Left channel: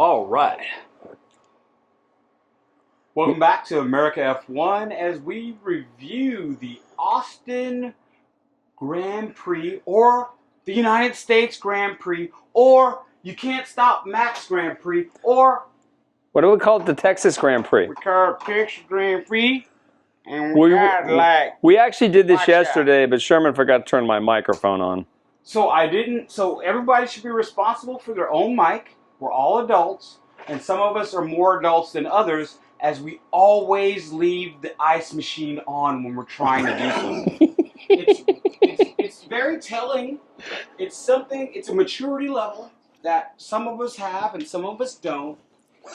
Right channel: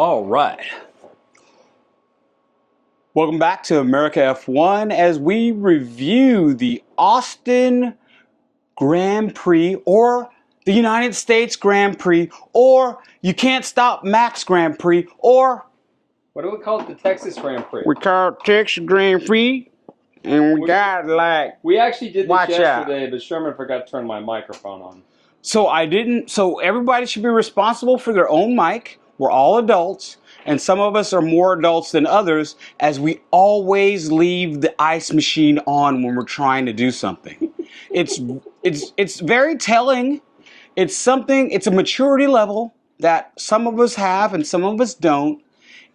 All right. Welcome back to America F1 as we review the Austin Grand Prix, or the United States Grand Prix, or You Can't Stop Max Grand Prix, or what do we call it? The Texas Grand Prix. we call it Texas Grand Prix, and we actually did this yesterday, out. but Sherman forgot to turn my microphone on. So everybody should be responsible for their own mic. We're all adults, and some of us are more adults than others, as we always leave the ice machine on when we're trying to do something. It's very telling. It's a maturity level that some of us have and some of us don't.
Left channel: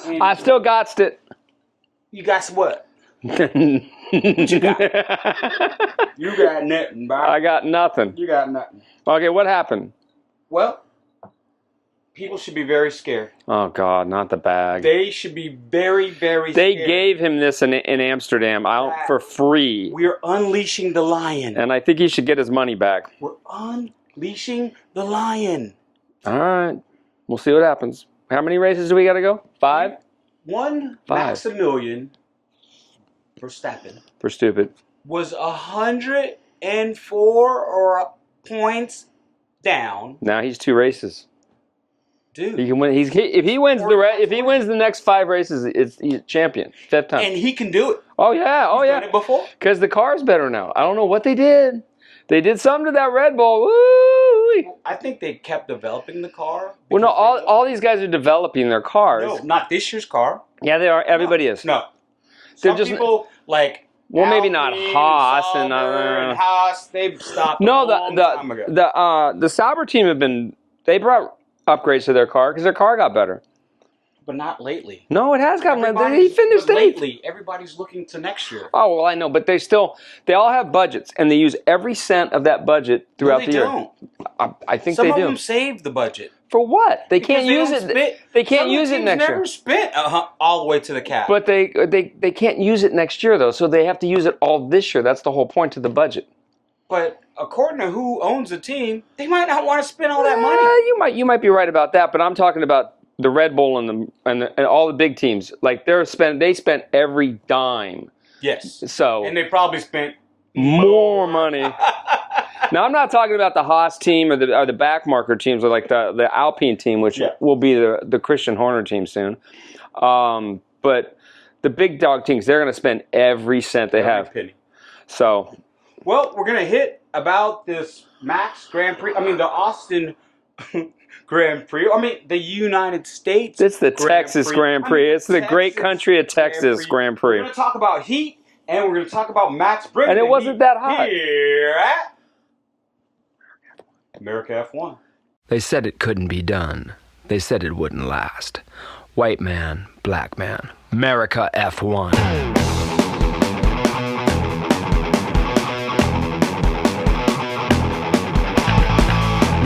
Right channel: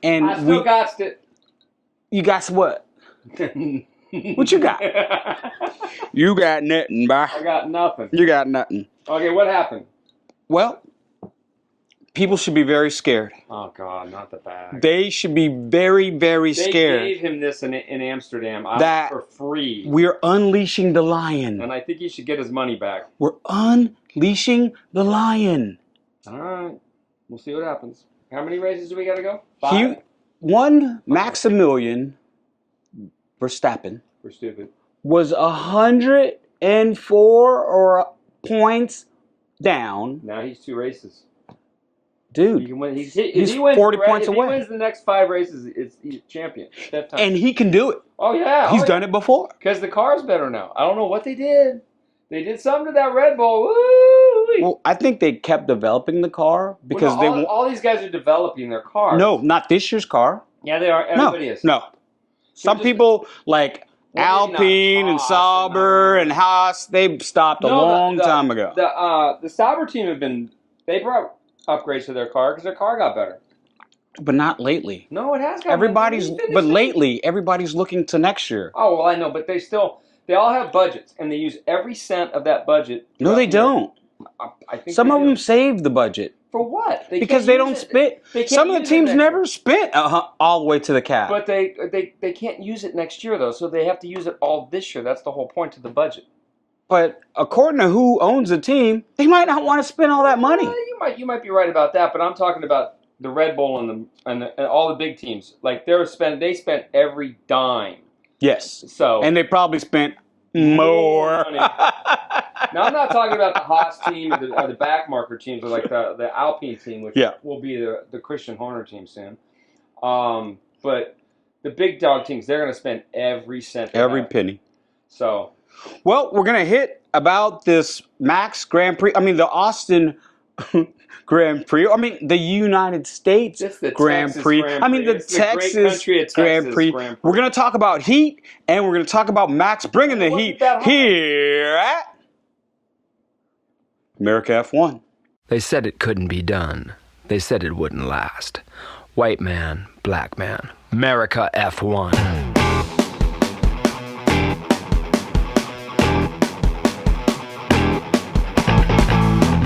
And I still got it. You got what? What you got? You got nothing, bro. I got nothing. You got nothing. Okay, what happened? Well, people should be very scared. Oh, God, not the bag. They should be very, very scared. They gave him this in Amsterdam for free. We're unleashing the lion. And I think he should get his money back. We're unleashing the lion. All right. We'll see what happens. How many races do we got to go? 5? Max Emilian Verstappen. For stupid. Was 104 points down. Now he's 2 races. Dude, he can win. If he wins the next 5 races, he's champion. 5th time. And he can do it. Oh yeah, he's done it before. Because the car's better now. I don't know what they did. They did something to that Red Bull. Woo! Well, I think they kept developing the car because all these guys are developing their cars. No, not this year's car. Yeah, they are. Everybody is. No. Some people like Alpine and Sauber and Haas, they've stopped a long time ago. The Sauber team they brought upgrades to their car because their car got better. But not lately. No, it has gotten better. But lately, everybody's looking to next year. Oh, well, I know, but they all have budgets, and they use every cent of that budget throughout the year. No, they don't. I think some of them save the budget. For what? They can't use it. Some of the teams never spent all the way to the cap. But they can't use it next year, though, so they have to use it all this year. That's the whole point of the budget. But according to who owns the team, they might not want to spend all that money. You might be right about that, but I'm talking about the Red Bull and all the big teams. Like they spent every dime. Yes. So and they probably spent more money. Now I'm not talking about the Haas team or the back marker teams, or like the Alpine team, which will be the Christian Horner team soon. But the big dog teams, they're going to spend every cent they have. Every penny. So, well, we're going to hit about this Max Grand Prix. I mean, the Austin Grand Prix. I mean, the United States. It's the Grand Texas Prix. Grand Prix. It's the great country of Texas Grand Prix. We're going to talk about heat, and we're going to talk about Max bringing the heat here at America F1. They said it couldn't be done. They said it wouldn't last. White man, black man. America F1.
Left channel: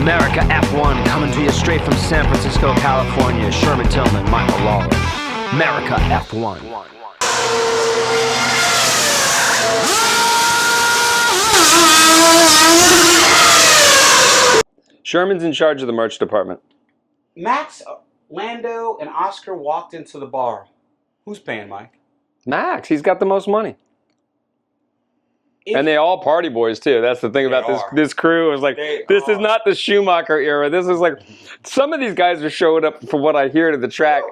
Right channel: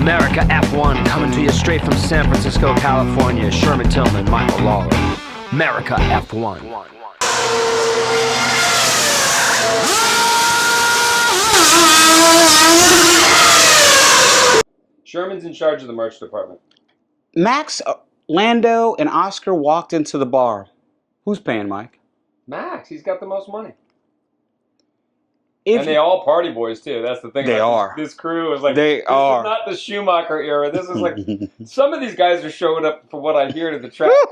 America F1 coming to you straight from San Francisco, California. Sherman Tillman, Michael Lawler. America F1. Sherman's in charge of the merch department. Max, Lando, and Oscar walked into the bar. Who's paying, Mike? Max. He's got the most money. And they all party boys, too. That's the thing about this crew. Is like, this is not the Schumacher era. This is like, some of these guys are showing up, for what I hear, to the track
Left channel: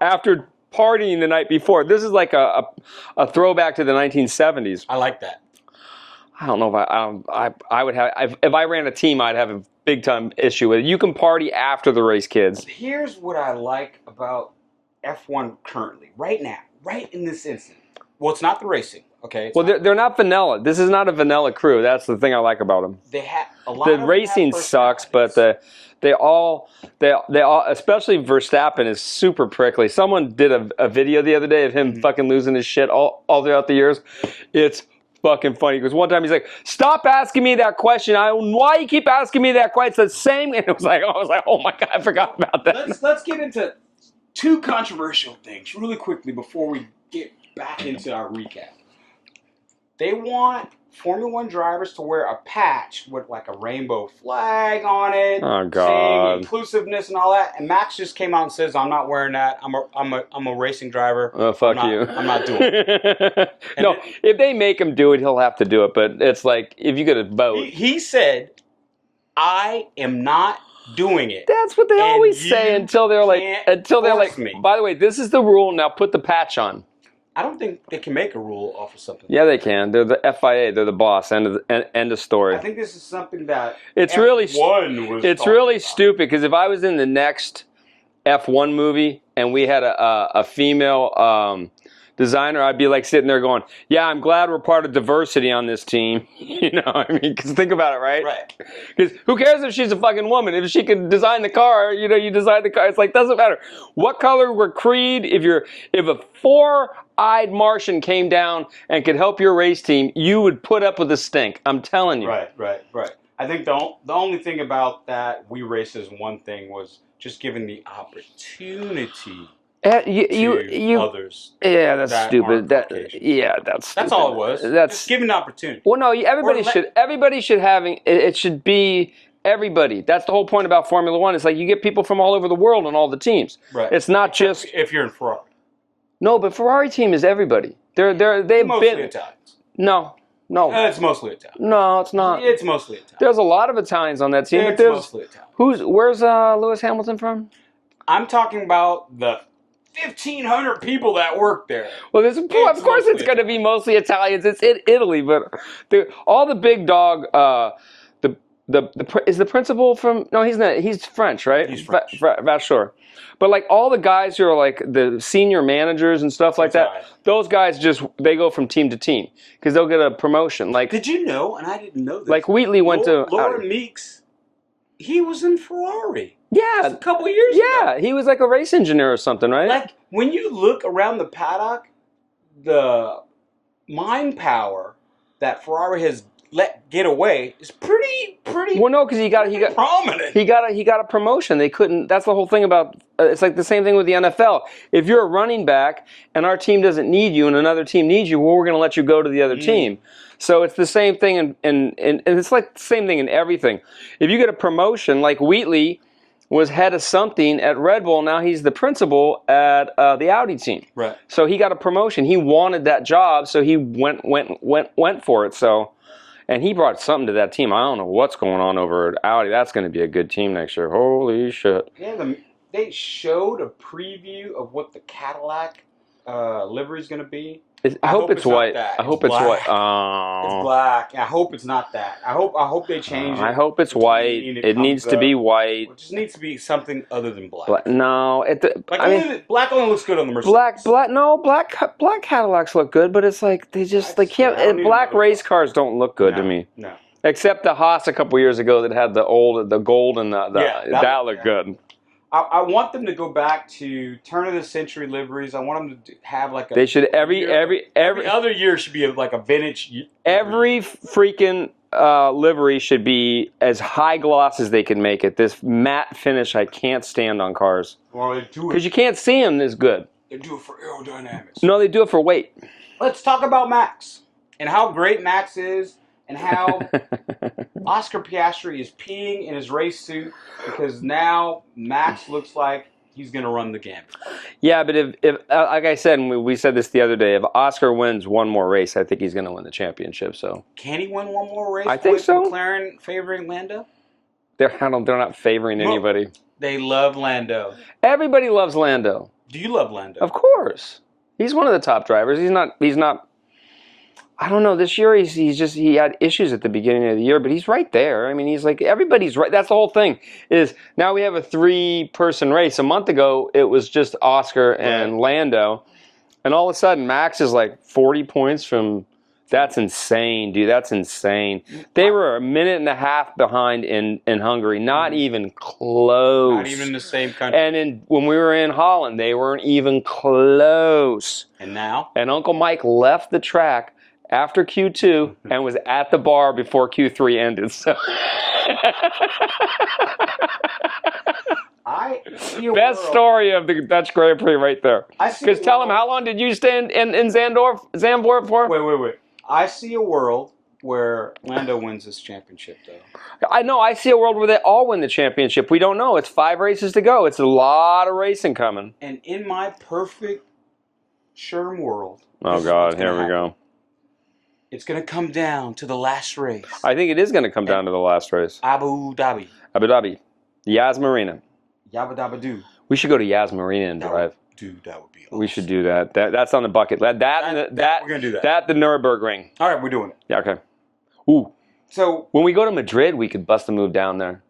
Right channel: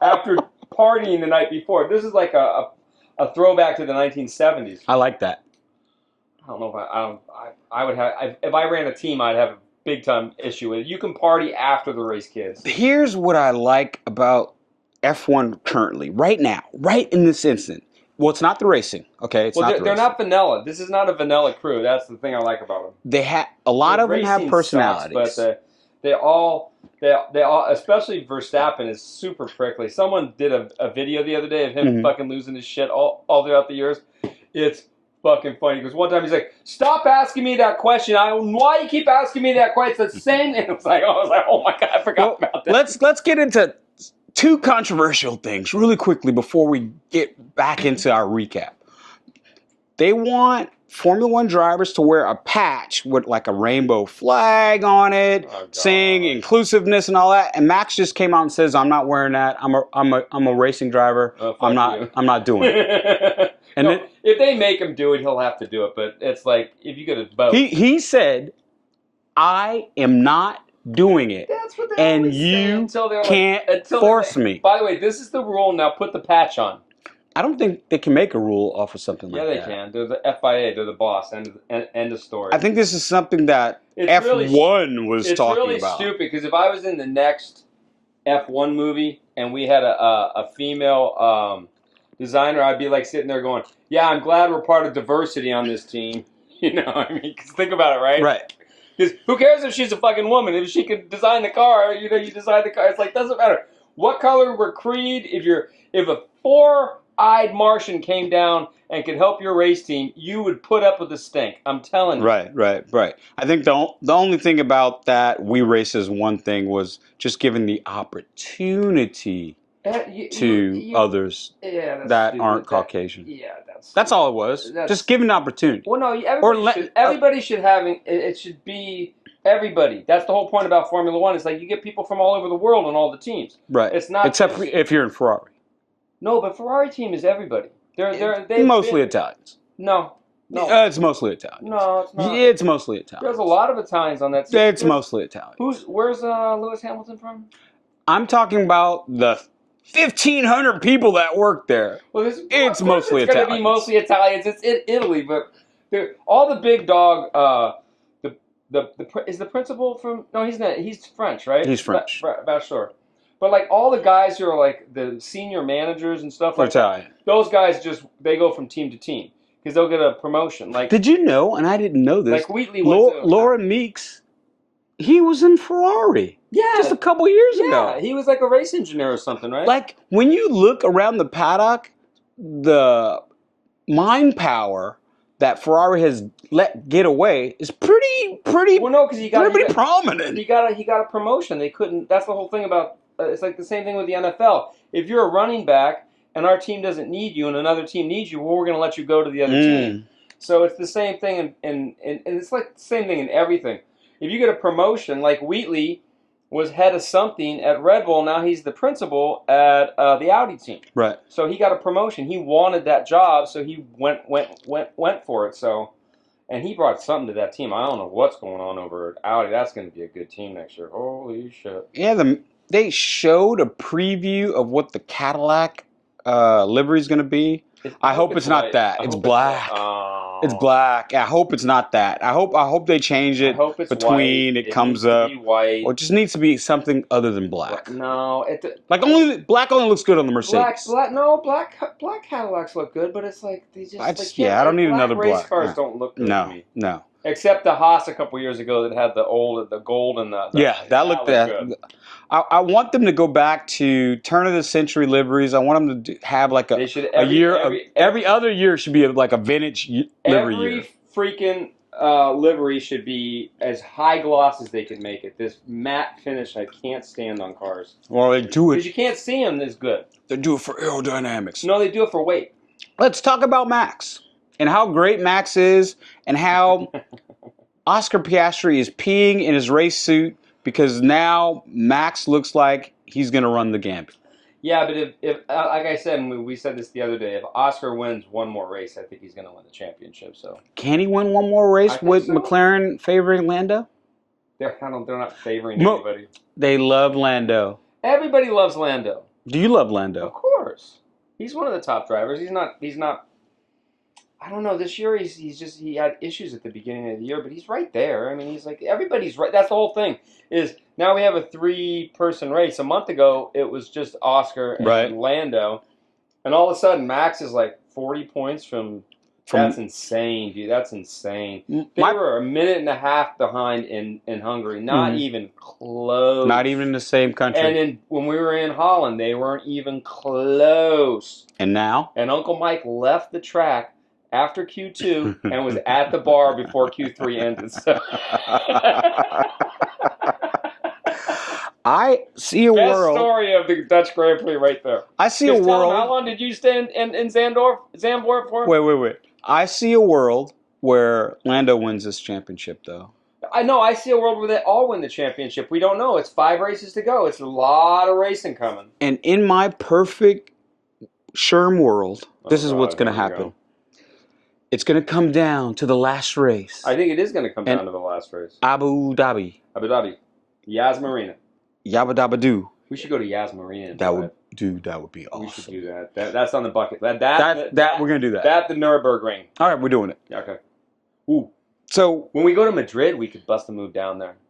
after partying the night before. This is like a throwback to the 1970s. I like that. I don't know if I would have, if I ran a team, I'd have a big time issue with it. You can party after the race, kids. Here's what I like about F1 currently, right now, right in this instant. Well, it's not the racing, okay? They're not vanilla. This is not a vanilla crew. That's the thing I like about them. They have a lot of them have personalities. Sucks, but they all, especially Verstappen, is super prickly. Someone did a video the other day of him fucking losing his shit all throughout the years. It's fucking funny because one time he's like, "Stop asking me that question. Why you keep asking me that question?" It's the same. And I was like, "Oh my god, I forgot about that." Let's get into 2 controversial things really quickly before we get back into our recap. they want Formula One drivers to wear a patch with like a rainbow flag on it, Oh, God. saying inclusiveness and all that. And Max just came out and says, "I'm not wearing that. I'm a racing driver. Oh, fuck you. I'm not doing it." And no, if they make him do it, he'll have to do it. But it's like if you get a vote, he said, "I am not doing it." That's what they And always you say until they're like, can't force me. By the way, this is the rule. Now put the patch on. I don't think they can make a rule off of something like Yeah, that. they can. They're the FIA. They're the boss. End of story. I think this is something that It's F1 was It's talking really about. stupid because if I was in the next F1 movie and we had a female designer, I'd be like sitting there going, "Yeah, I'm glad we're part of diversity on this team." You know, I mean, because think about it, right? Right. Because who cares if she's a fucking woman? If she can design the car, you know, you design the car. It's like doesn't matter what color we're creed. If a four-eyed Martian came down and could help your race team, you would put up with the stink. I'm telling you. Right. I think the only thing about that We Race As One thing was just giving the opportunity to others. Yeah, that's that stupid. aren't Caucasian. Yeah, that's stupid. That's all it was. Just giving the opportunity. Well, no, everybody should having it should be everybody. That's the whole point about Formula One. It's like you get people from all over the world on all the teams. Right. It's not Except just if you're in Ferrari. no, but Ferrari team is everybody. They've mostly been, Italians. No. It's mostly Italian. No, it's not. It's mostly Italian. There's a lot of Italians on that team. Yeah, but it's mostly Italian. Where's Lewis Hamilton from? I'm talking about the 1,500 people that work there. Well, of course it's going to be Italians. mostly Italians. It's in Italy, but all the big dog. Is the principal from? No, he's not. He's French, right? He's French. Vasseur. But like all the guys who are like the senior managers and stuff like Italian. that, those guys they go from team to team because they'll get a promotion. Like, did you know? And I didn't know this. Like Wheatley went to Laura Meeks. He was in Ferrari. Yeah, just a couple years ago. Yeah, he was like a race engineer or something, right? Like when you look around the paddock, the mind power that Ferrari has let get away is pretty. Well, no, because he got prominent. He got a promotion. They couldn't. That's the whole thing about. It's like the same thing with the NFL. If you're a running back and our team doesn't need you and another team needs you, well, we're going to let you go to the other team. So it's the same thing, and it's like the same thing in everything. If you get a promotion, like Wheatley was head of something at Red Bull, now he's the principal at the Audi team. Right. So he got a promotion. He wanted that job, so he went for it. So, and he brought something to that team. I don't know what's going on over at Audi. That's going to be a good team next year. Holy shit. Yeah, they showed a preview of what the Cadillac livery is going to be. I hope it's white. not that. I It's hope black. it's white. It's black. I hope it's not that. I hope they change it. I hope it's between white. It needs to be white. Or it just needs to be something other than black. No, Black only looks good on the Mercedes. Black Cadillacs look good, but it's like they can't. Yeah, I don't need black another race black. cars No. don't look good to me. No. Except the Haas a couple years ago that had the gold and the that looked good. I want them to go back to turn of the century liveries. I want them to have like a. They should every other year should be like a vintage. Every freaking livery should be as high gloss as they can make it. This matte finish I can't stand on cars. Well, they do because it. you can't see them as good. They do it for aerodynamics. No, they do it for weight. Let's talk about Max and how great Max is, and how Oscar Piastri is peeing in his race suit because now Max looks like he's going to run the gambit. Yeah, but if like I said, and we said this the other day, if Oscar wins one more race, I think he's going to win the championship. So can he win one more race with McLaren favoring Lando? They're not favoring anybody. They love Lando. Everybody loves Lando. Do you love Lando? Of course. He's one of the top drivers. He's not. I don't know. This year he had issues at the beginning of the year, but he's right there. I mean, he's like everybody's right. That's the whole thing. Is now we have a 3-person race. A month ago it was just Oscar and Lando, and all of a sudden Max is like 40 points from. That's insane, dude. That's insane. They were a minute and a half behind in Hungary. Not even close. Not even in the same country. And when we were in Holland, they weren't even close. And now? And Uncle Mike left the track after Q2 and was at the bar before Q3 ended. So. I see a Best world. story of the Dutch Grand Prix right there. I see a world. Tell him, how long did you stand in Zandvoort for? Wait. I see a world where Lando wins this championship, though. I know. I see a world where they all win the championship. We don't know. It's 5 races to go. It's a lot of racing coming. And in my perfect Sherm world, this is what's going to happen. Go. It's going to come down to the last race. I think it is going to come down to the last race. Abu Dhabi. Abu Dhabi. Yas Marina. Yabba Dabba Doo. We should go to Yas Marina and drive. That would be awesome. We should do that. That's on the bucket. That we're going to do that. That the Nürburgring. All right, we're doing it. Yeah, okay. Ooh. So when we go to Madrid, we could bust a move down there.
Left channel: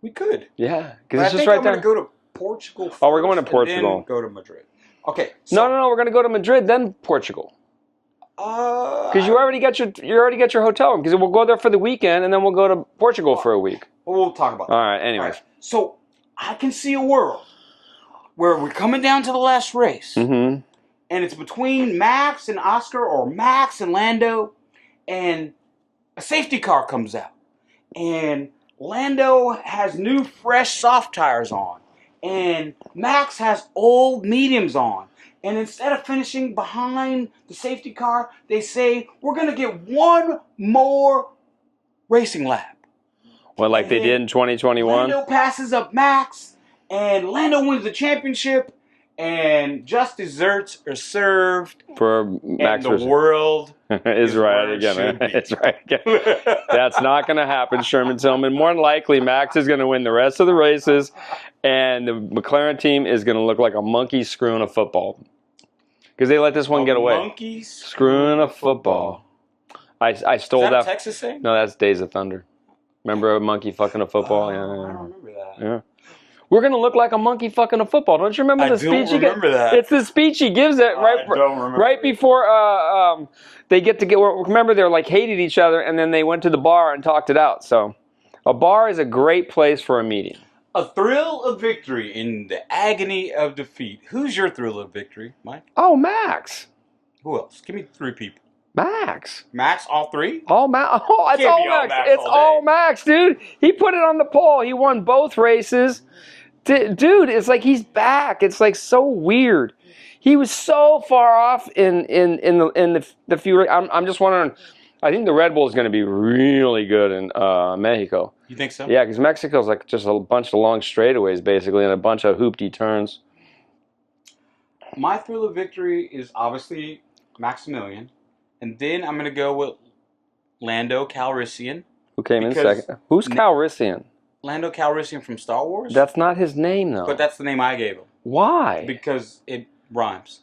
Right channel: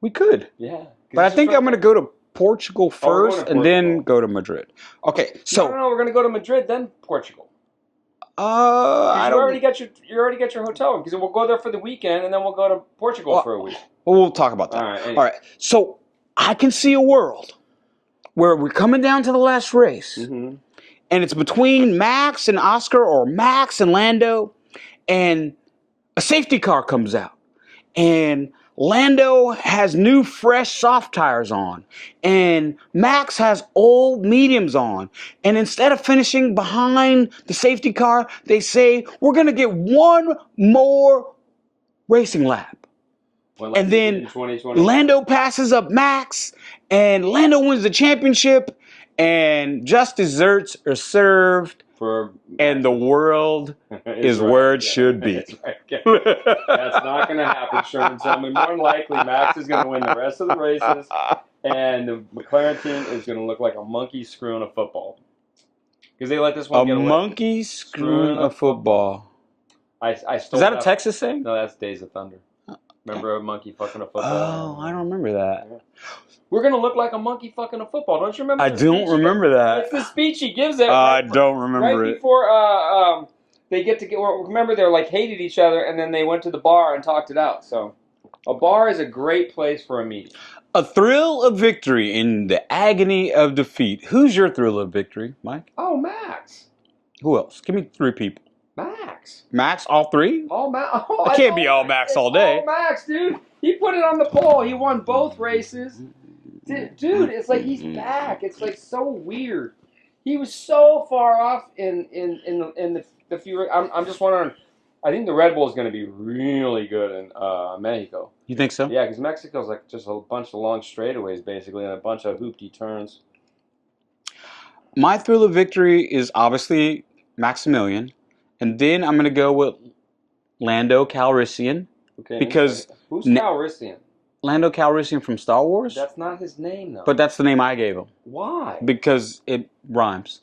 We could. Yeah. But I think I'm going to go to Portugal first and then go to Madrid. Okay. So no, we're going to go to Madrid, then Portugal. Because you already got your hotel. Because we'll go there for the weekend, and then we'll go to Portugal for a week. Well, we'll talk about that. All right. Anyway. All right. So I can see a world where we're coming down to the last race, and it's between Max and Oscar or Max and Lando, and a safety car comes out, and Lando has new, fresh, soft tires on, and Max has old mediums on. And instead of finishing behind the safety car, they say, we're going to get one more racing lap. Well, like they did in 2021? Lando passes up Max, and Lando wins the championship, and just desserts are served, for Max and the world is where it should be. That's right. That's not going to happen, Sherman Tillman. More than likely, Max is going to win the rest of the races, and the McLaren team is going to look like a monkey screwing a football. Because they let this one get away. A monkey screwing a football. I stole that. Is that a Texas thing? No, that's Days of Thunder. Remember a monkey fucking a football? Oh, I don't remember that. Yeah. We're going to look like a monkey fucking a football. Don't you remember the speech? I don't remember that. It's the speech he gives it. I don't remember right before they get to get... Remember, they're like hated each other, and then they went to the bar and talked it out. So a bar is a great place for a meeting. A thrill of victory in the agony of defeat. Who's your thrill of victory, Mike? Oh, Max. Who else? Give me 3 people. Max. Max, all 3? All Max. Oh, it can't be all Max all day. All Max, dude. He put it on the poll. He won both races. Dude, it's like he's back. It's like so weird. He was so far off in the few. I'm just wondering. I think the Red Bull is going to be really good in Mexico. You think so? Yeah, because Mexico's like just a bunch of long straightaways basically and a bunch of hoopty turns. My thrill of victory is obviously Max Emilian, and then I'm going to go with Lando Calrissian. Who came in second? Who's Calrissian? Lando Calrissian from Star Wars? That's not his name, though. But that's the name I gave him. Why? Because it rhymes.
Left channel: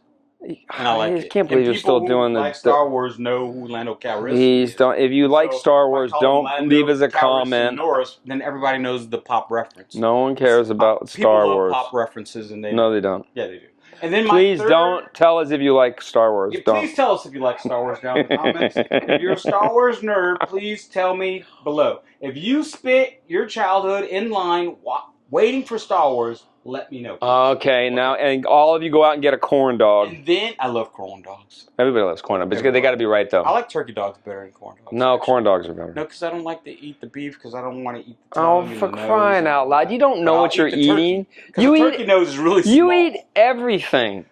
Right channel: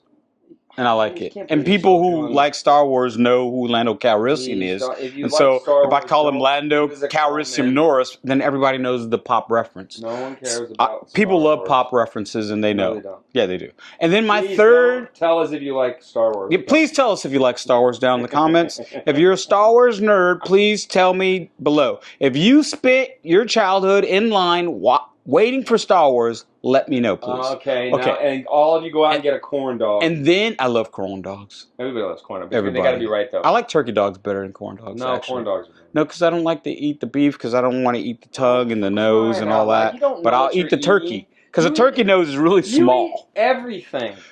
And I like it. Can't and people who like Star Wars know who Lando Calrissian is. If you like Star Wars, if I call him Lando leave us a Calrissian comment. Norris, then everybody knows the pop reference. No one cares about Star People Wars. love pop references, and they know. No, they don't. Yeah, they do. And then please don't tell us if you like Star Wars. Yeah, please tell us if you like Star Wars down in the comments. If you're a Star Wars nerd, please tell me below. If you spent your childhood in line waiting for Star Wars, let me know, please. Okay, now, and all of you go out and get a corn dog. And then, I love corn dogs. Everybody loves corn dogs, but they got to be right, though. I like turkey dogs better than corn dogs. No, actually. corn dogs are better. No, because I don't like to eat the beef, because I don't want to eat the tongue and the nose and all that. You don't know what you're eating. Because the turkey nose is really small. You eat everything.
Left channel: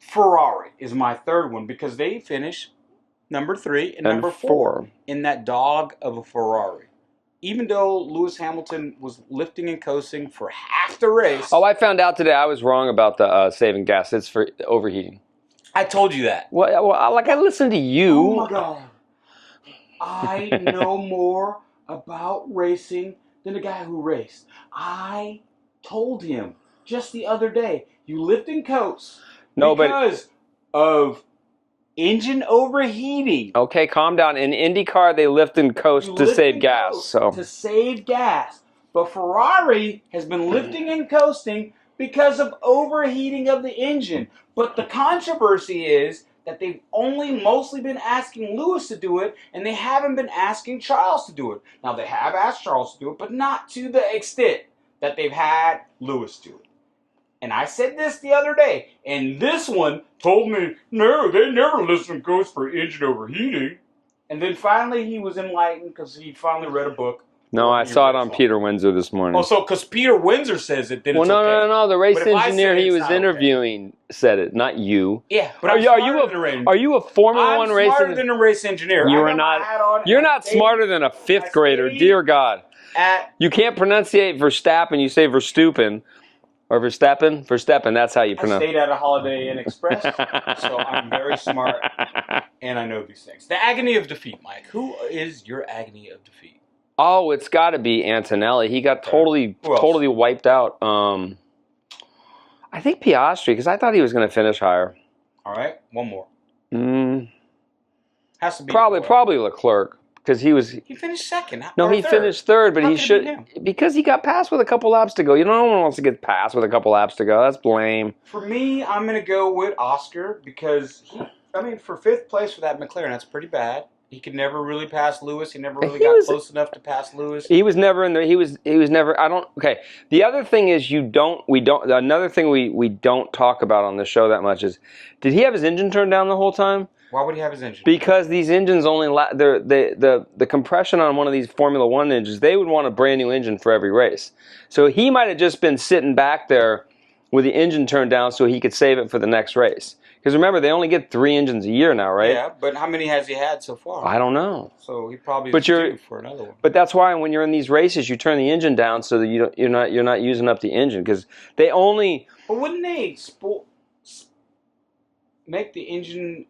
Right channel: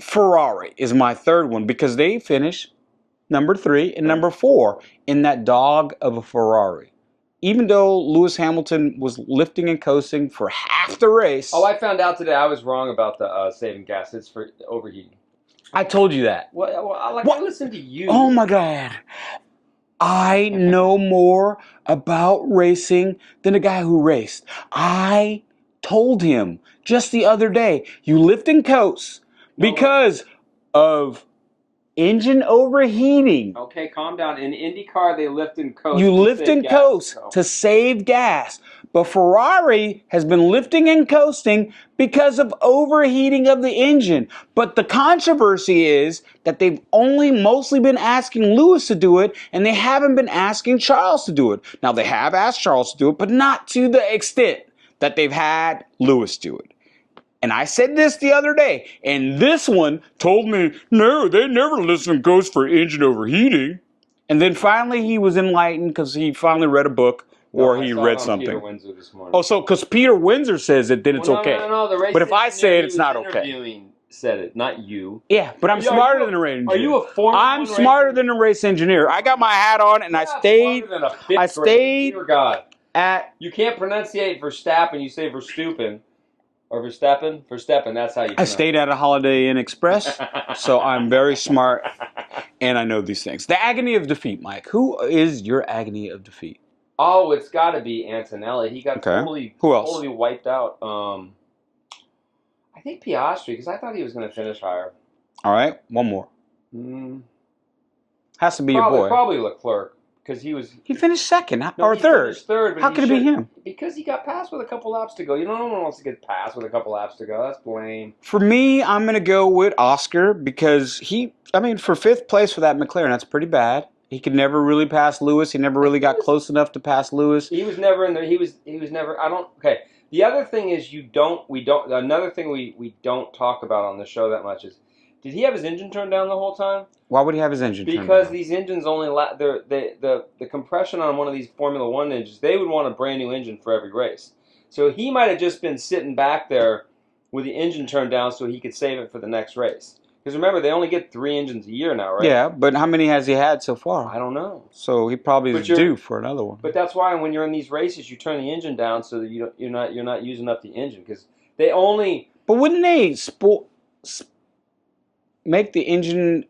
Ferrari is my third one, because they finish number 3 and number 4 in that dog of a Ferrari. Even though Lewis Hamilton was lifting and coasting for half the race. Oh, I found out today I was wrong about the saving gas. It's for overheating. I told you that. I listened to you. Oh, my God. I know more about racing than the guy who raced. I told him just the other day, you lift and coast because of engine overheating. Okay, calm down. In IndyCar, they lift and coast to save gas. Coast to save gas. But Ferrari has been lifting and coasting because of overheating of the engine. But the controversy is that they've only mostly been asking Lewis to do it, and they haven't been asking Charles to do it. Now, they have asked Charles to do it, but not to the extent that they've had Lewis do it. And I said this the other day, and this one told me, no, they never listen to ghosts for engine overheating. And then finally he was enlightened because he finally read a book, No, or I he saw read it on something. Peter Windsor this morning. Oh, so because Peter Windsor says it, then well, it's no, okay. no. The race But if I engineer say he it's was not okay. interviewing said it, not you. Yeah, but I'm smarter than a race engineer. Are you a Formula One race engineer? I'm smarter than a race engineer. You I are got my not. hat on. You're and not stayed, smarter than a fifth grader. Dear God. You can't pronunciate Verstappen. You say Verstappen. Or Verstappen? Verstappen, that's how you pronounce it. I stayed at a Holiday Inn Express, so I'm very smart, and I know these things. The agony of defeat, Mike. Who is your agony of defeat? Oh, it's got to be Antonelli. He got totally wiped out. I think Piastri, because I thought he was going to finish higher. All right, one more. Has to be probably, a boy. Probably Leclerc. Because he finished second. No, he third. Finished third, but How could it be him? Because he got passed with a couple laps to go. No one wants to get passed with a couple laps to go. That's lame. For me, I'm going to go with Oscar because for fifth place for that McLaren, that's pretty bad. He could never really pass Lewis. He never really got close enough to pass Lewis. He was never in there. He was never. Okay. The other thing is another thing we don't talk about on the show that much is, did he have his engine turned down the whole time? Why would he have his engine turned down? Because these engines only the compression on one of these Formula One engines, they would want a brand new engine for every race. So he might have just been sitting back there with the engine turned down so he could save it for the next race. Because remember, they only get 3 engines a year now, right? Yeah, but how many has he had so far? I don't know. So he probably is due for another one. But that's why when you're in these races, you turn the engine down so that you're not using up the engine, because they only. But wouldn't they make the engine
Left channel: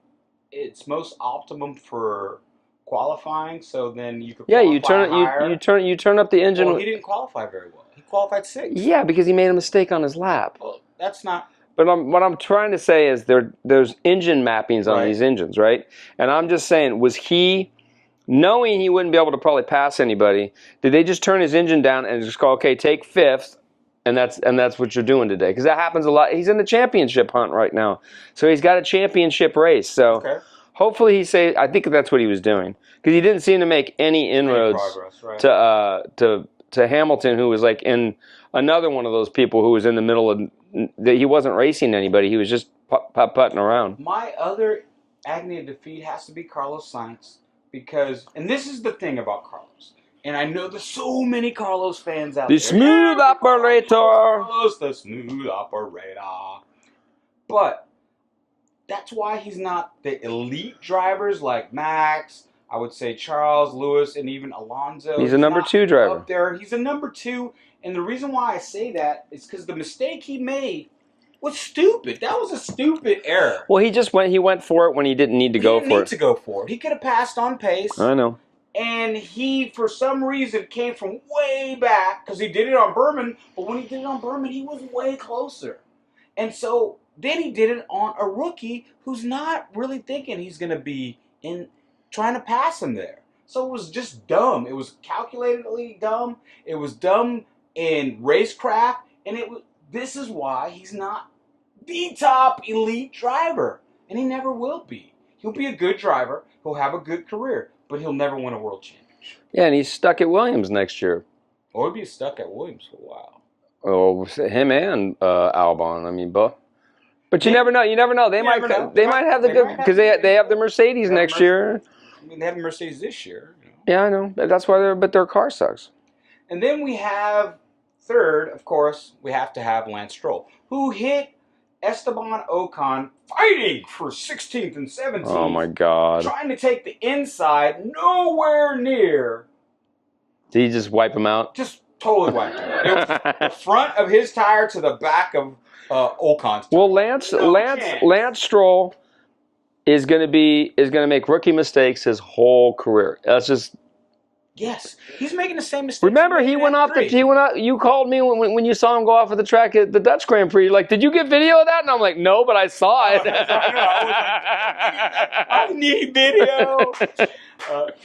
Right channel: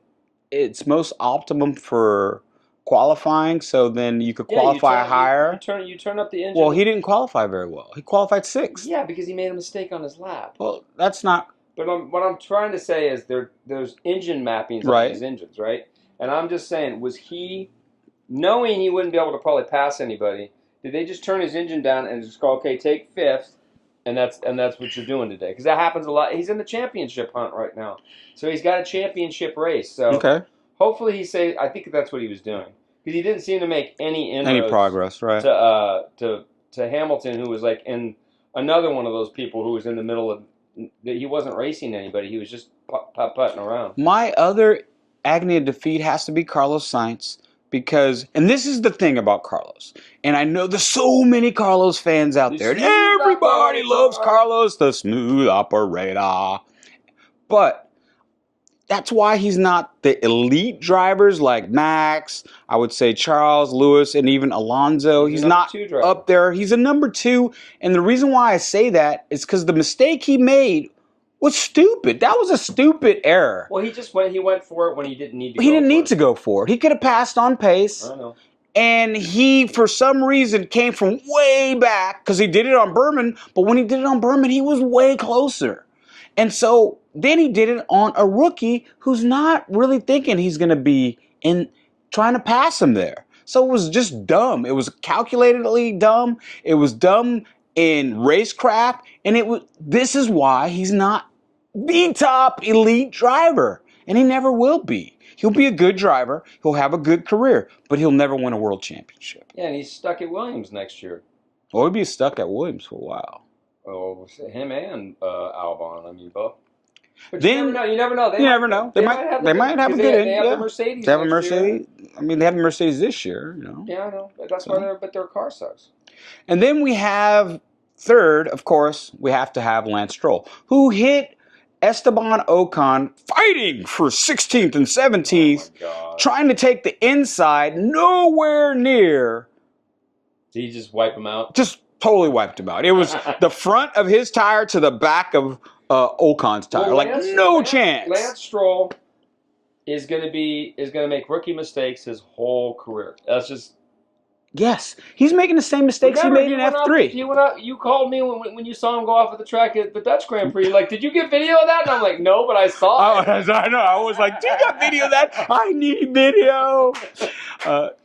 its most optimum for qualifying? So then you could qualify higher. You turn up the engine. Well, he didn't qualify very well. He qualified 6th. Yeah, because he made a mistake on his lap. Well, that's not. But what I'm trying to say is there's engine mappings on these engines, right? And I'm just saying, was he, knowing he wouldn't be able to probably pass anybody, did they just turn his engine down and just go, okay, take 5th, and that's what you're doing today? Because that happens a lot. He's in the championship hunt right now, so he's got a championship race. So hopefully I think that's what he was doing, because he didn't seem to make any inroads, progress, right? To Hamilton, who was like in another one of those people who was in the middle of. He wasn't racing anybody. He was just putting around. My other agony of defeat has to be Carlos Sainz, because, and this is the thing about Carlos, and I know there's so many Carlos fans out there. Everybody loves Carlos, the smooth operator. But that's why he's not the elite drivers like Max, I would say Charles, Lewis, and even Alonso. He's a number 2 driver. Up there. He's a number 2. And the reason why I say that is because the mistake he made was stupid. That was a stupid error. Well, he went for it when he didn't need to go for it. He didn't need to go for it. He could have passed on pace. I know. And he, for some reason, came from way back, because he did it on Berman, but when he did it on Berman, he was way closer. And so then he did it on a rookie who's not really thinking he's going to be in trying to pass him there. So it was just dumb. It was calculatedly dumb. It was dumb in racecraft. And this is why he's not the top elite driver. And he never will be. He'll be a good driver. He'll have a good career. But he'll never win a world championship. Yeah, and he's stuck at Williams next year. Or he'll be stuck at Williams for a while. Oh, him and Albon. But you never know. You never know. They might have the Mercedes next year. They have the Mercedes this year. Yeah, I know. That's why their car sucks. And then we have third, of course, we have to have Lance Stroll, who hit Esteban Ocon fighting for 16th and 17th. Oh my God! Trying to take the inside, nowhere near. Did he just wipe him out? Just totally wiped him out. It was the front of his tire to the back of Ocon's tire. Well, chance. Lance Stroll is going to make rookie mistakes his whole career. That's just. Yes, he's making the same mistakes. Remember, he went out. You called me when you saw him go off of the track at the Dutch Grand Prix. You're like, "Did you get video of that?" And I'm like, "No, but I saw it." I know. I was like, "Do you got video of that? I need video."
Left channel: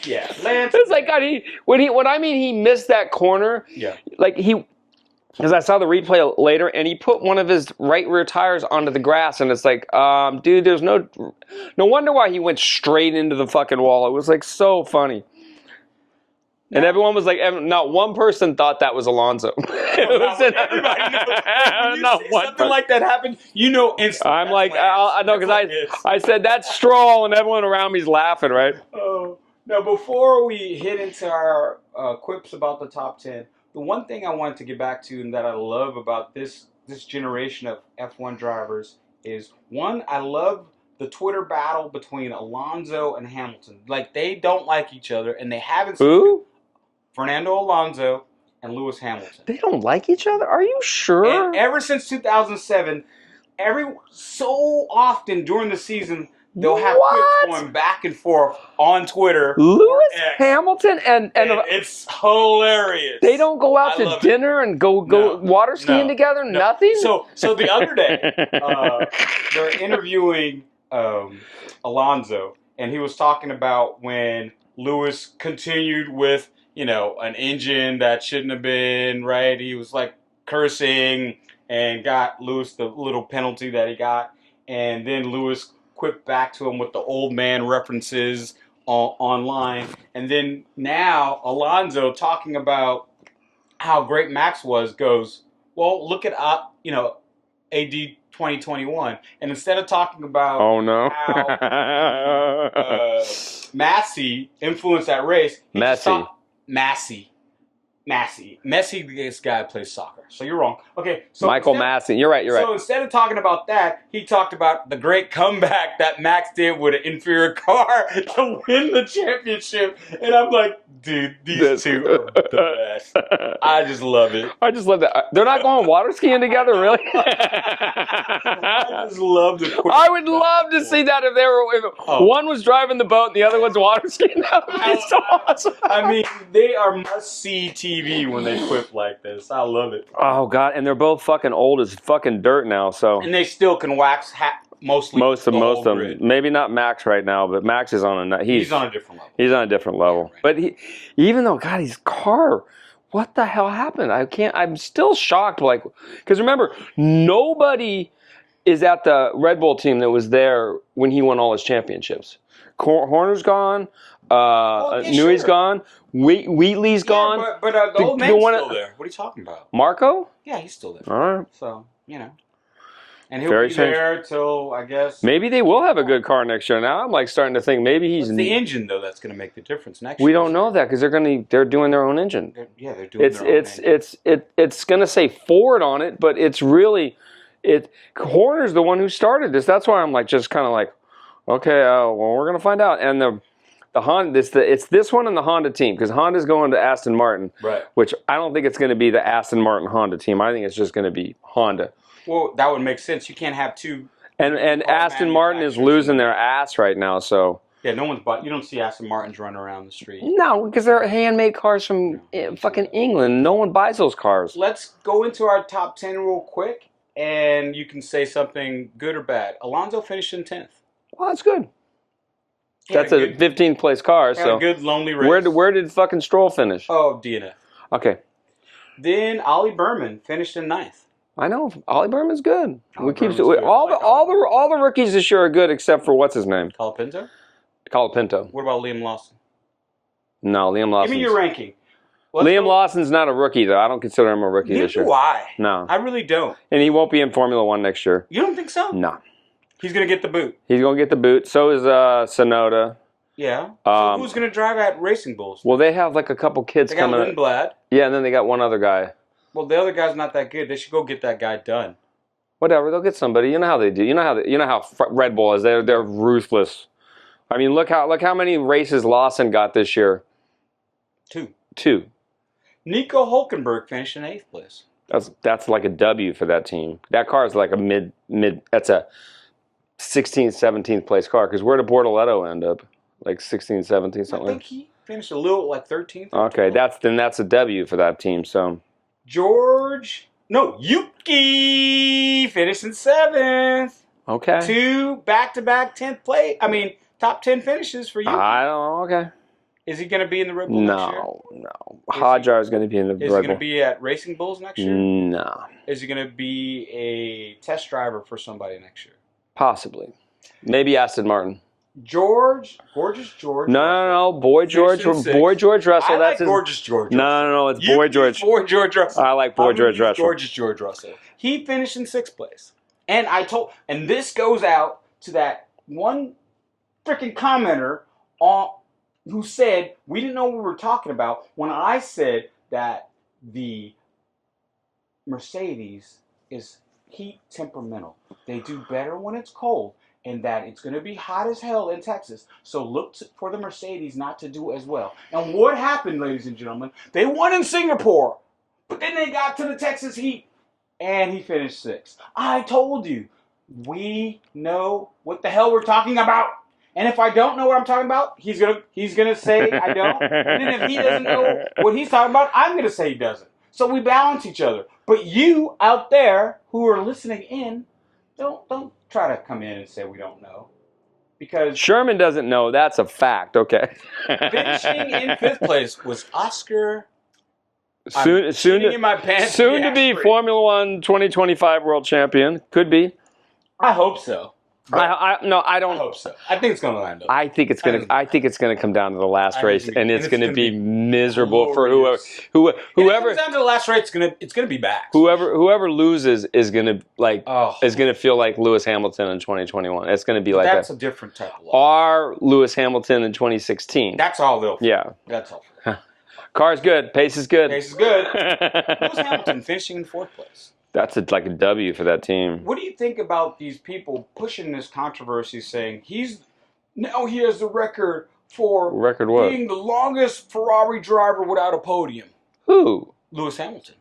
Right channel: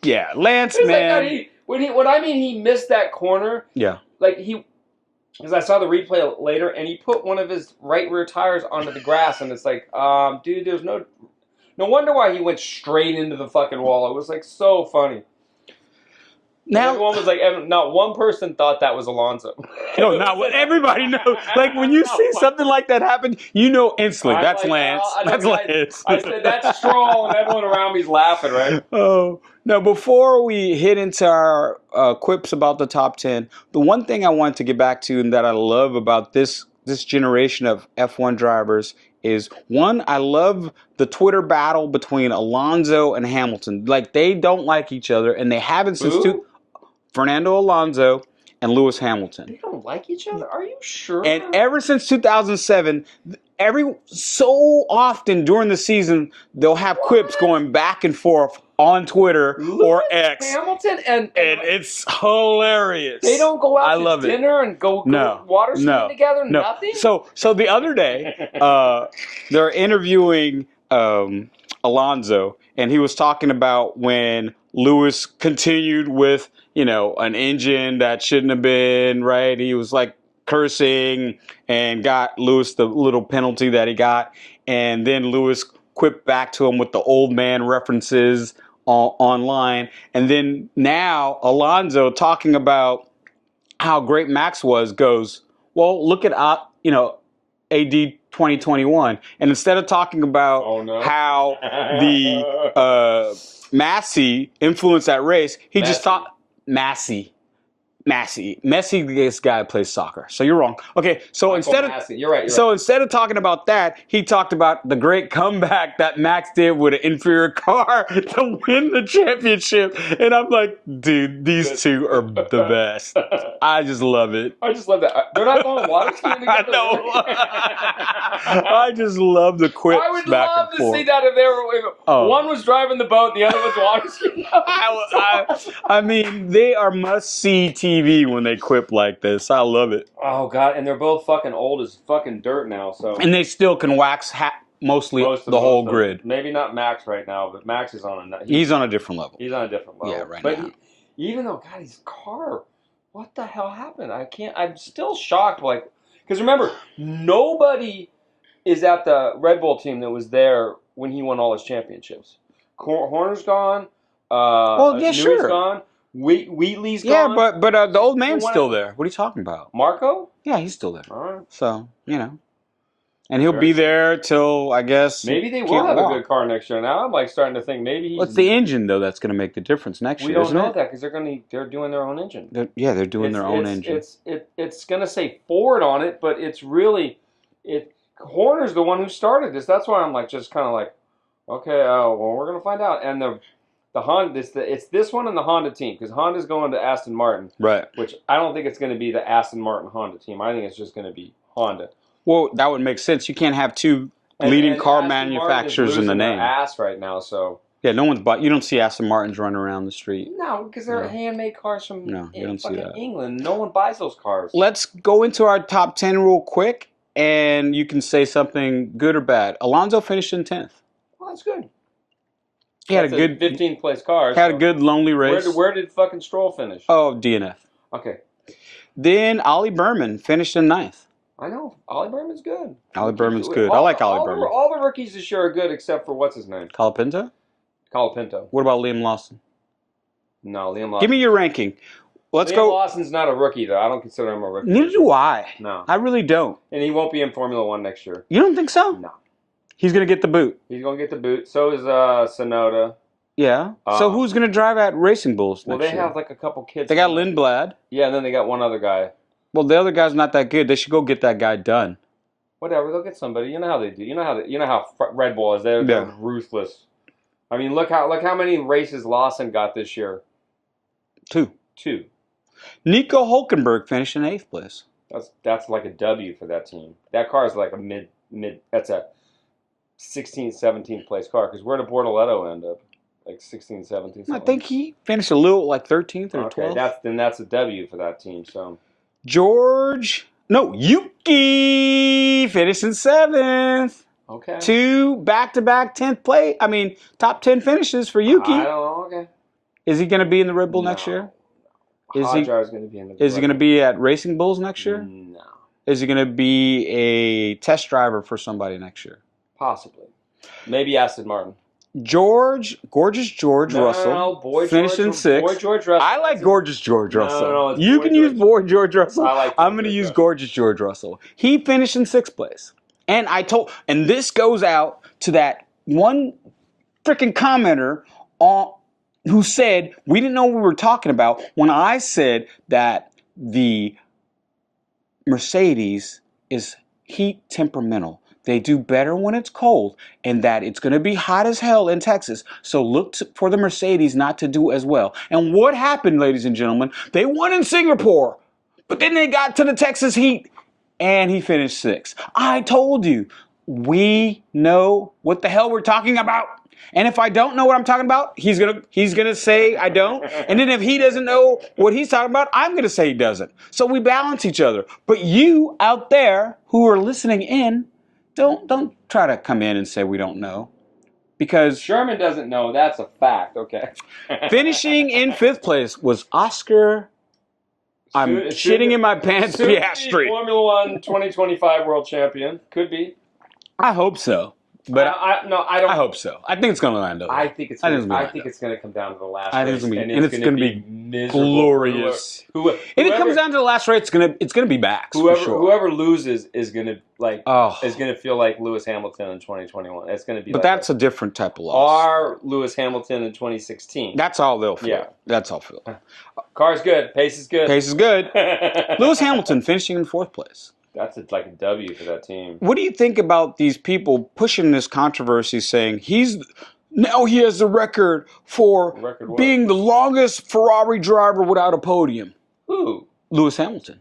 Yeah, Lance. It's man. Like he missed that corner. Yeah, because I saw the replay later, and he put one of his right rear tires onto the grass, and it's like, dude, there's no wonder why he went straight into the fucking wall. It was like so funny. And everyone was like, not one person thought that was Alonso. Everybody knows. Like when you see something like that happen, you know instantly that's Lance. I said, that's Stroll, and everyone around me's laughing, right? Oh. Now, before we hit into our quips about the top 10, the one thing I want to get back to and that I love about this generation of F1 drivers is, one, I love the Twitter battle between Alonso and Hamilton. Like, they don't like each other, and they haven't since Fernando Alonso and Lewis Hamilton. They don't like each other? Are you sure? And ever since 2007, so often during the season, they'll have quips going back and forth on Twitter or X. Hamilton and it's hilarious. They don't go out to dinner and go water skiing together? No. Nothing? So the other day, they're interviewing Alonso, and he was talking about when Lewis continued with, an engine that shouldn't have been, right? He was like cursing and got Lewis the little penalty that he got. And then Lewis quipped back to him with the old man references online. And then now Alonso, talking about how great Max was, goes, well, look at, AD 2021. And instead of talking about how the Massey influenced that race, he just thought Messi, this guy plays soccer. So you're wrong. Okay, so Michael Massey. You're right. So instead of talking about that, he talked about the great comeback that Max did with an inferior car to win the championship. And I'm like, dude, these two are the best. I just love it. I just love that. They're not going water skiing together, really? I just love the quips. I would love to see that if they were. One was driving the boat, and the other one's water skiing. I mean, they are must-see TV when they quip like this. I love it. Oh, God. And they're both fucking old as fucking dirt now. So. And they still can wax most the whole grid. Maybe not Max right now, but Max is on a... He's on a different level. He's on a different level. Yeah, but even though, God, his car... What the hell happened? I'm still shocked. Like, because remember, nobody is at the Red Bull team that was there when he won all his championships. Horner's gone. Newey's gone. Wheatley's gone. Yeah, but the old man's still there. What are you talking about? Marco? Yeah, he's still there. All right. So, And he'll be there till, I guess... Maybe they will have a good car next year. Now I'm like starting to think maybe he's... It's the engine, though, that's going to make the difference next year. We don't know that because they're doing their own engine. They're doing their own engine. It's going to say Ford on it, but it's really... Horner's the one who started this. That's why I'm like just kind of like, okay, well, we're going to find out. And the Honda, it's this one and the Honda team, because Honda's going to Aston Martin. Right. Which I don't think it's going to be the Aston Martin Honda team. I think it's just going to be Honda. Well, that would make sense. You can't have two leading car Aston manufacturers Martin is losing their ass right now, so... Yeah, you don't see Aston Martins running around the street. No, because they're handmade cars from fucking England. No one buys those cars. Let's go into our top 10 real quick, and you can say something good or bad. Alonso finished in 10th. Well, that's good. That's a good 15th place car. Had a good lonely race. Where did fucking Stroll finish? Oh, DNF. Okay. Then Ollie Berman finished in 9th. I know. Ollie Berman's good. Ollie Berman's good. I like Ollie Berman. All the rookies this year are good except for what's his name? Colapinto? Colapinto. What about Liam Lawson? No, Liam Lawson. Give me your ranking. Liam Lawson's not a rookie, though. I don't consider him a rookie. Neither do I. No. I really don't. And he won't be in Formula One next year. You don't think so? No. He's going to get the boot. He's going to get the boot. So is Sonoda. Yeah. So who's going to drive at Racing Bulls? Well, they have like a couple kids. They got Lindblad. Yeah, and then they got one other guy. Well, the other guy's not that good. They should go get that guy done. Whatever, they'll get somebody. You know how they do. You know how Red Bull is. They're ruthless. I mean, look how many races Lawson got this year. Two. Nico Hulkenberg finished in 8th place. That's like a W for that team. That car is like a mid. That's a 16th, 17th place car. Because where did Bortoletto end up? Like 16th, 17th. Something. I think he finished a little like 13th. Or okay, 12th. that's a W for that team. So Yuki finished in 7th. Okay. 2 back-to-back 10th place. I mean, top 10 finishes for Yuki. I don't know. Okay. Is he going to be in the Red Bull next year? No. Hodjar is going to be in the Red Bull. Is he going to be at Racing Bulls next year? No. Is he going to be a test driver for somebody next year? Possibly. Maybe Aston Martin. Gorgeous George Russell. No, Boy George Russell. I like Gorgeous George Russell. No, it's Boy George. Boy George Russell. I like Boy I'm George going to use Russell. Gorgeous George Russell. He finished in 6th place. And this goes out to that one freaking commenter who said we didn't know what we were talking about when I said that the Mercedes is heat temperamental. They do better when it's cold, and that it's going to be hot as hell in Texas. So look for the Mercedes not to do as well. And what happened, ladies and gentlemen? They won in Singapore, but then they got to the Texas heat, and he finished 6th. I told you, we know what the hell we're talking about. And if I don't know what I'm talking about, he's gonna say I don't. And then if he doesn't know what he's talking about, I'm gonna say he doesn't. So we balance each other. But you out there who are listening in, don't try to come in and say we don't know. Because Sherman doesn't know. That's a fact. Okay. finishing in 5th place was Oscar. I'm shitting in my pants. Soon to be Formula One 2025 world champion. Could be. I hope so. But I don't. I hope so. I think it's going to land up. I think it's going to come down to the last race, and it's going to be miserable glorious. for If it comes down to the last race, it's going to be back. Whoever loses is going to feel like Lewis Hamilton in 2021. It's going to be but like that's a different type of loss. Our Lewis Hamilton in 2016. That's all they'll feel. Yeah, that's all feel. Car's good. Pace is good. Pace is good. Lewis Hamilton finishing in 4th place. That's like a W for that team. What do you think about these people pushing this controversy, saying he has the record for being the longest Ferrari driver without a podium? Who? Lewis Hamilton.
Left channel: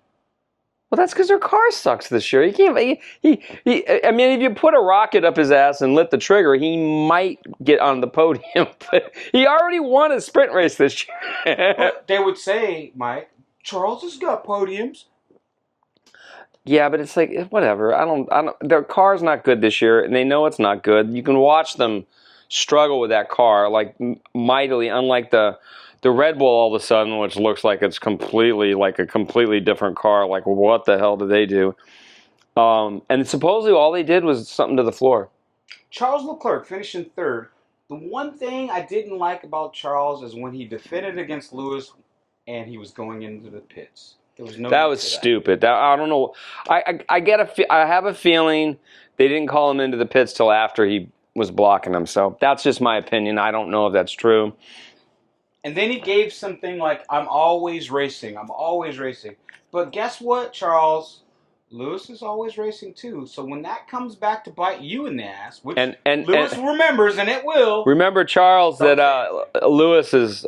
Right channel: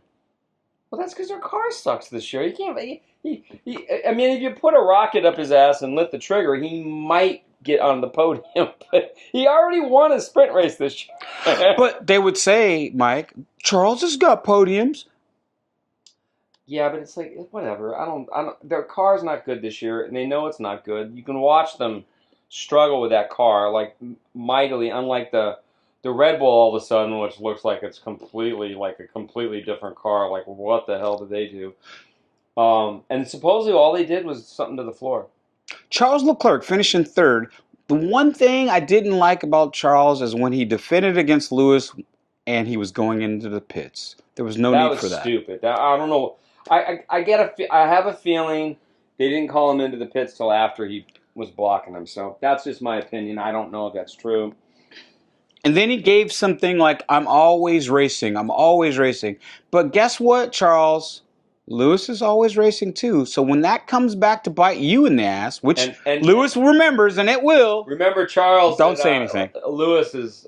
Well, that's because their car sucks this year. He can't. I mean, if you put a rocket up his ass and lit the trigger, he might get on the podium. But he already won a sprint race this year. But they would say, Mike, Charles has got podiums. Yeah, but it's like whatever. I don't. Their car's not good this year, and they know it's not good. You can watch them struggle with that car like mightily, unlike the Red Bull all of a sudden, which looks like it's completely like a completely different car. Like, what the hell did they do? And supposedly all they did was something to the floor. Charles Leclerc finished in 3rd. The one thing I didn't like about Charles is when he defended against Lewis and he was going into the pits. There was no need for that. That was stupid. I don't know. I have a feeling they didn't call him into the pits till after he was blocking them. So that's just my opinion. I don't know if that's true. And then he gave something like, I'm always racing. But guess what, Charles? Lewis is always racing too. So when that comes back to bite you in the ass, which Lewis remembers, and it will. Remember, Charles, don't say anything. Lewis is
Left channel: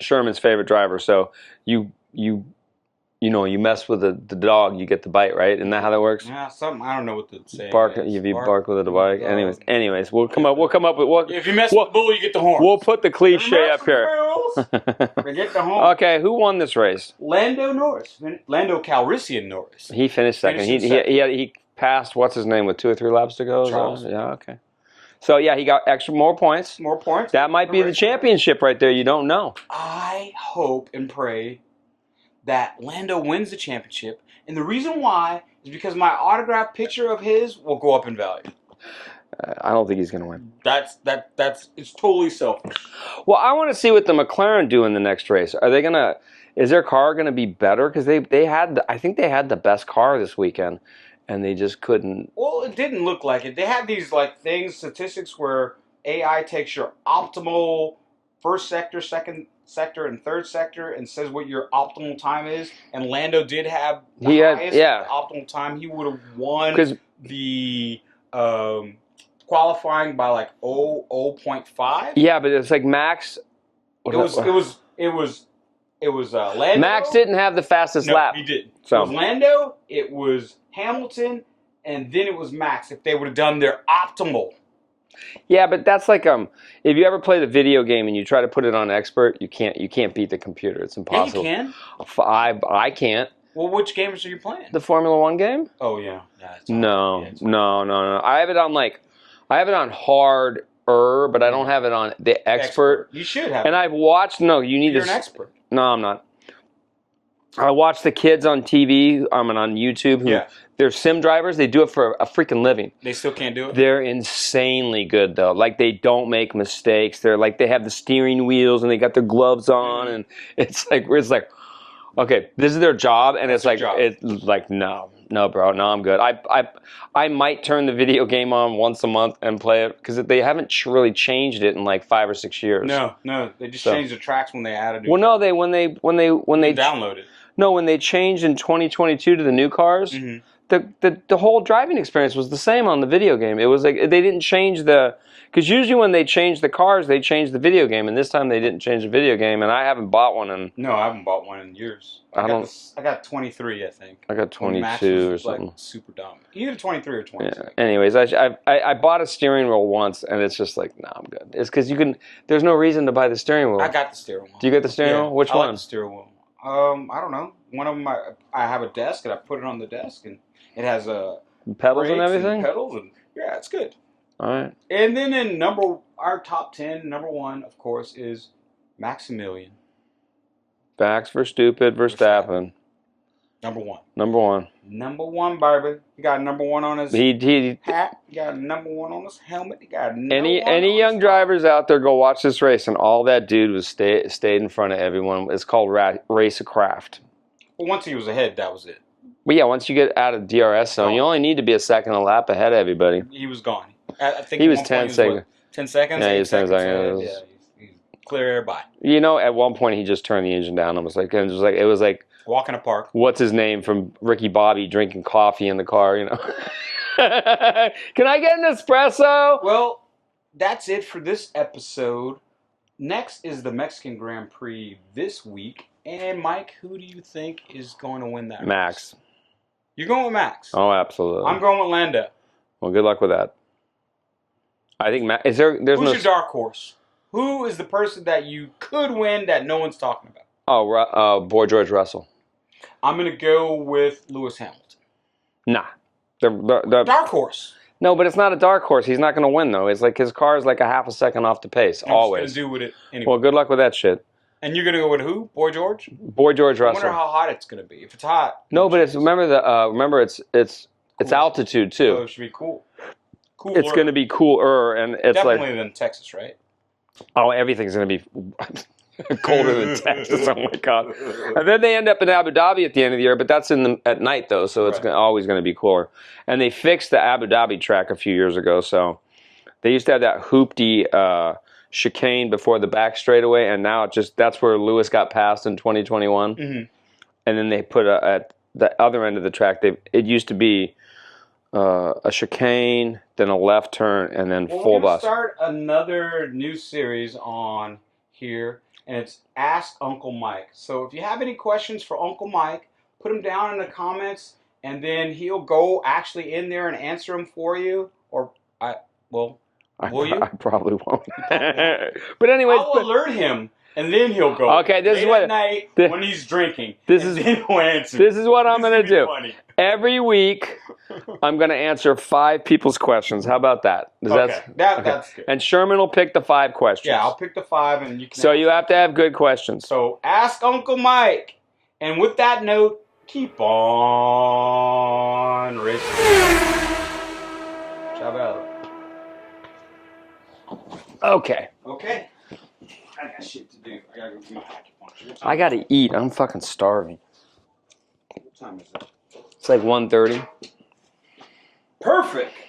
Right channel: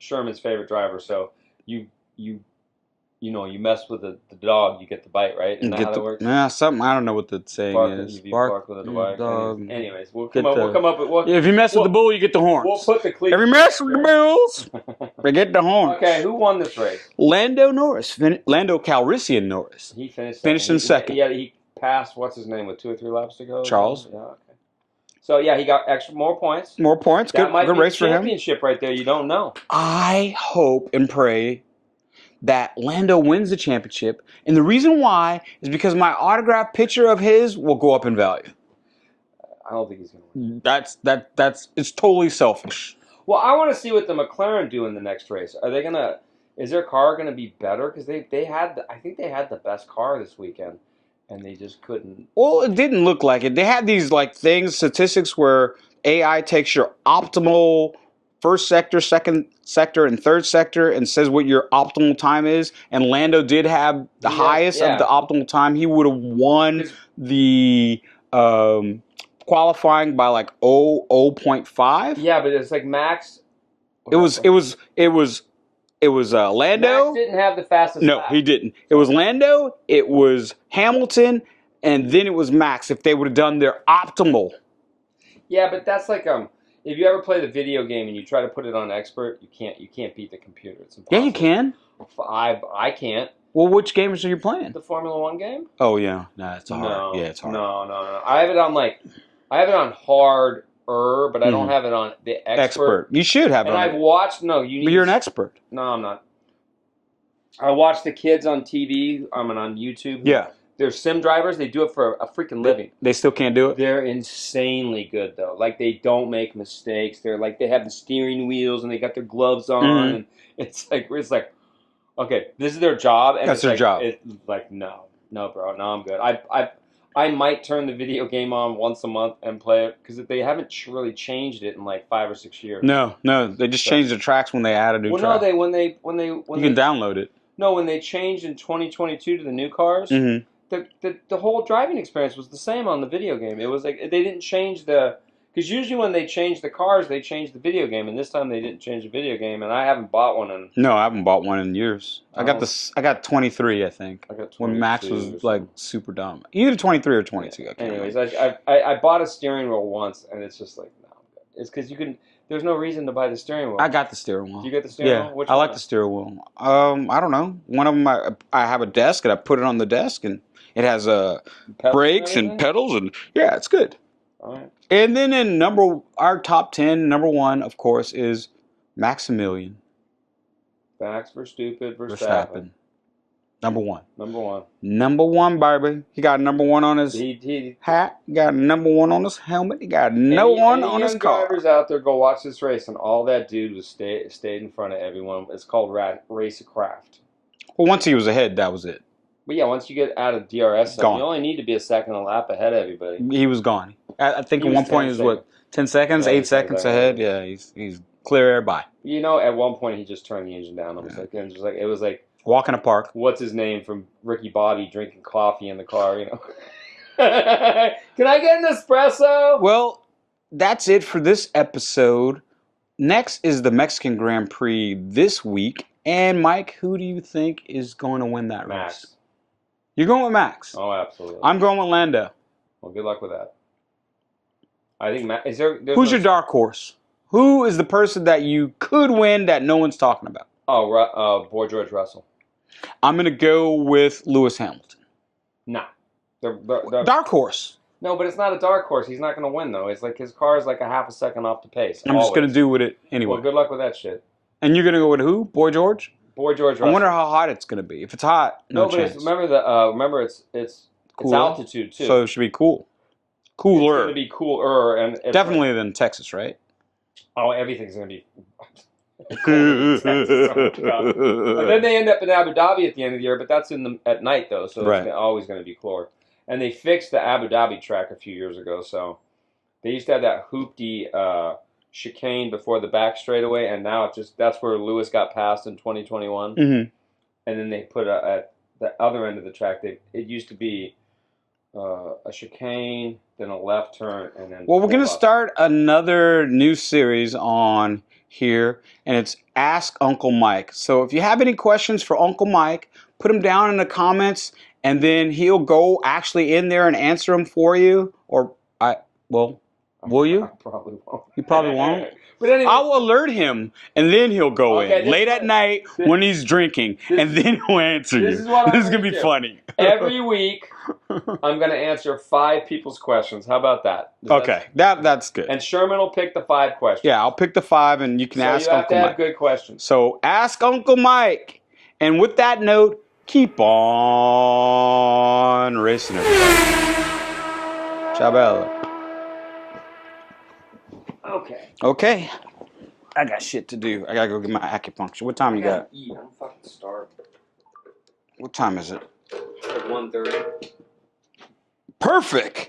Sherman's favorite driver. So you mess with the dog, you get the bite, right? Isn't that how that works? Yeah, something. I don't know what the saying is. If you bark with the dog. Anyways, we'll come up with. If you mess with the bull, you get the horns. We'll put the cliche up here. If you mess with the bulls, they get the horns. Okay, who won this race? Lando Calrissian Norris. He finished second. He passed what's his name with 2 or 3 laps to go. Charles. Yeah. Okay. So yeah, he got more points. More points. That might be the championship right there. You don't know. I hope and pray that Lando wins the championship, and the reason why is because my autographed picture of his will go up in value. I don't think he's going to win. That's it's totally selfish. Well, I want to see what the McLaren do in the next race. Are they going to? Is their car going to be better? Because I think they had the best car this weekend, and they just couldn't. Well, it didn't look like it. They had these statistics where AI takes your optimal first sector, second sector, and third sector and says what your optimal time is. And Lando did have the highest of the optimal time. He would have won the qualifying by like 0.5. Yeah, but it's like Max. It was Lando. Max didn't have the fastest lap. No, he didn't. So it was Lando, it was Hamilton, and then it was Max. If they would have done their optimal. Yeah, but that's like if you ever play the video game and you try to put it on expert, you can't beat the computer. It's impossible. Yeah, you can. I can't. Well, which games are you playing? The Formula One game? Oh yeah. It's hard. No. Yeah, it's hard. No. I have it on hard. But I don't have it on the expert. You should have it. And I've watched. No, you need. But you're an expert. No, I'm not. I watch the kids on TV. On YouTube. They're sim drivers. They do it for a freaking living. They still can't do it. They're insanely good though. Like they don't make mistakes. They're like they have the steering wheels and they got their gloves on. And it's like okay, this is their job. And That's their job. It's like no. No, bro. No, I'm good. I might turn the video game on once a month and play it because they haven't really changed it in like 5 or 6 years. No, they just changed the tracks when they added new tracks. Well, no, when they you can download it. No, when they changed in 2022 to the new cars, the whole driving experience was the same on the video game. It was like they didn't change because usually when they change the cars, they change the video game, and this time they didn't change the video game, and I haven't bought one. No, I haven't bought one in years. I got 23, I think. I got 22 Max was or something. like super dumb. Either 23 or 22. Yeah. Anyways, I bought a steering wheel once, and it's just like, nah, I'm good. It's because there's no reason to buy the steering wheel. I got the steering wheel. Do you get the steering wheel? Which one? I like the steering wheel. I don't know. One of them, I have a desk, and I put it on the desk, and it has brakes and pedals, and yeah, it's good. All right. And then in our top 10, number 1, of course, is Max Emilian. Max Verstappen. Number 1. Number 1. Number 1, baby. He got number 1 on his hat. He got number 1 on his helmet. He got number 1 on his car. Any young drivers out there, go watch this race, and all that dude was stayed in front of everyone. It's called Race of Craft. Well, once he was ahead, that was it. But yeah, once you get out of DRS zone, you only need to be a second a lap ahead of everybody. He was gone. I think at one point he was 10 seconds, yeah, 8 seconds ahead. Yeah, he's clear everybody. You know, at one point he just turned the engine down. It was like walk in a park. What's his name from Ricky Bobby drinking coffee in the car? You know. Can I get an espresso? Well, that's it for this episode. Next is the Mexican Grand Prix this week. And Mike, who do you think is going to win that race? Max. You're going with Max? Oh, absolutely. I'm going with Lando. Well, good luck with that. I think Max. Who's your dark horse? Who is the person that you could win that no one's talking about? Oh, boy, George Russell. I'm going to go with Lewis Hamilton. Nah. Dark horse. No, but it's not a dark horse. He's not going to win, though. It's like his car is like a half a second off the pace. I'm just going to do with it anyway. Well, good luck with that shit. And you're going to go with who? Boy George? Boy George Russell. I wonder how hot it's going to be. If it's hot, no, but remember it's altitude too. So it should be cool. Cooler. It's going to be cooler, and it's definitely than Texas, right? Oh, everything's going to be colder than Texas. Oh my god! And then they end up in Abu Dhabi at the end of the year, but that's at night though, so it's always going to be cooler. And they fixed the Abu Dhabi track a few years ago, so they used to have that hoopty chicane before the back straightaway, and now that's where Lewis got passed in 2021. Mm-hmm. And then they put at the other end of the track. It used to be a chicane, then a left turn, and then. Well, we're going to start another new series on here, and it's Ask Uncle Mike. So if you have any questions for Uncle Mike, put them down in the comments, and then he'll go actually in there and answer them for you. Will you? I probably won't. You probably won't. But anyway, I'll alert him, and then he'll go in late at night when he's drinking, and then he'll answer you. This is what I'm going to do. This is going to be funny. Every week, I'm going to answer 5 people's questions. How about that? That's good. And Sherman will pick the 5 questions. Yeah, I'll pick the 5, and you can ask Uncle Mike. So you have to have good questions. So ask Uncle Mike. And with that note, keep on racing. Ciao, Bella. Okay. I got shit to do. I gotta go get my acupuncture. What time? I gotta eat. I'm fucking starving. What time is it? It's like 1:30. Perfect.